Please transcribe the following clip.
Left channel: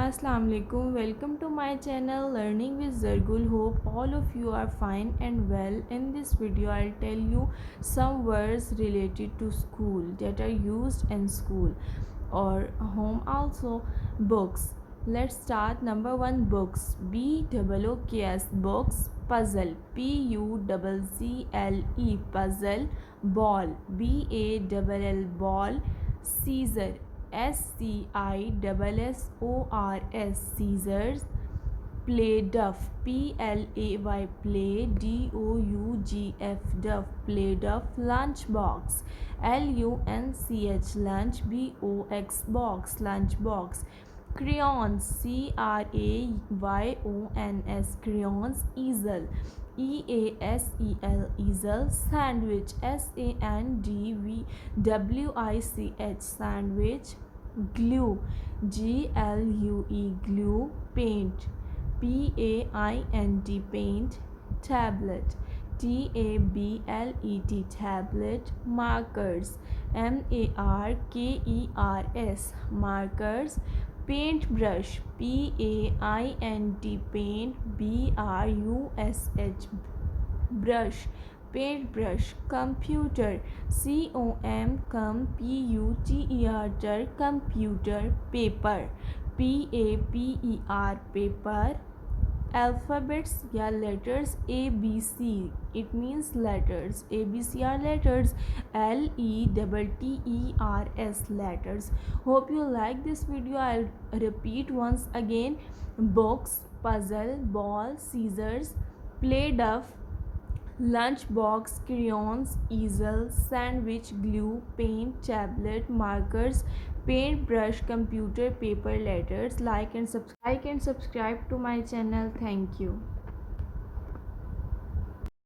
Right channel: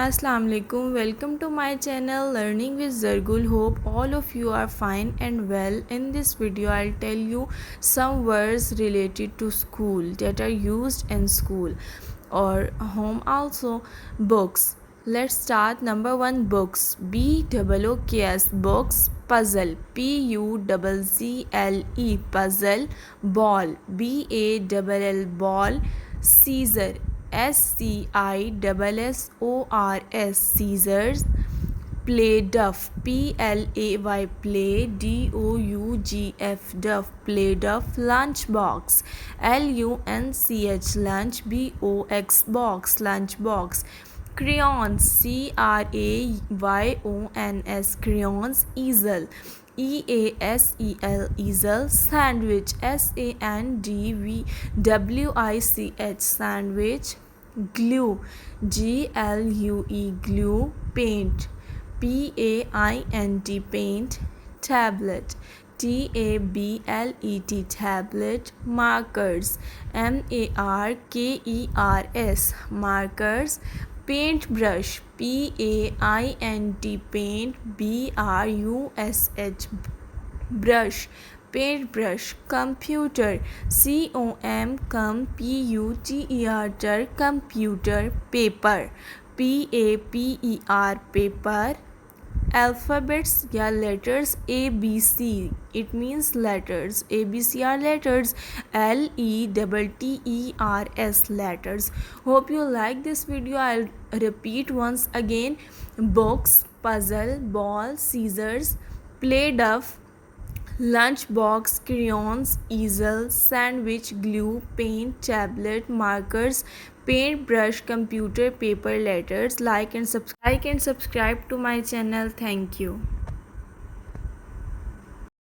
Assalamu alaikum. Welcome to my channel Learning with Zargull. Hope all of you are fine and well. In this video I'll tell you some words related to school that are used in school or home also. Books. Let's start. Number 1, books. BOOKS, books. Puzzle. PUZZLE, puzzle. Ball. BALL, ball. Scissor. SCISSORS, scissors. Play duff. PLAY, play. DOUGF, duff, play duff. Lunchbox. LUNCH, lunch. BOX, box, lunchbox. Crayons. CRAYONS, crayons. Easel. EASEL, easel. Sandwich. SANDWICH, sandwich. Glue. GLUE, glue. Paint. PAINT, paint. Tablet. TABLET, tablet. Markers. MARKERS, markers. Paintbrush. PAINT, paint. BRUSH, brush. Paintbrush. Computer. COMPUTER, computer. Paper. PAPER, paper. Alphabets या letters. ABC, it means letters. ABC are letters. LETTERS, letters. Hope you like this video. I'll repeat once again. Books, puzzle, ball, scissors, play duff, lunchbox, crayons, easel, sandwich, glue, paint, tablet, markers, paintbrush, computer, paper, letters. Like and subscribe to my channel. Thank you.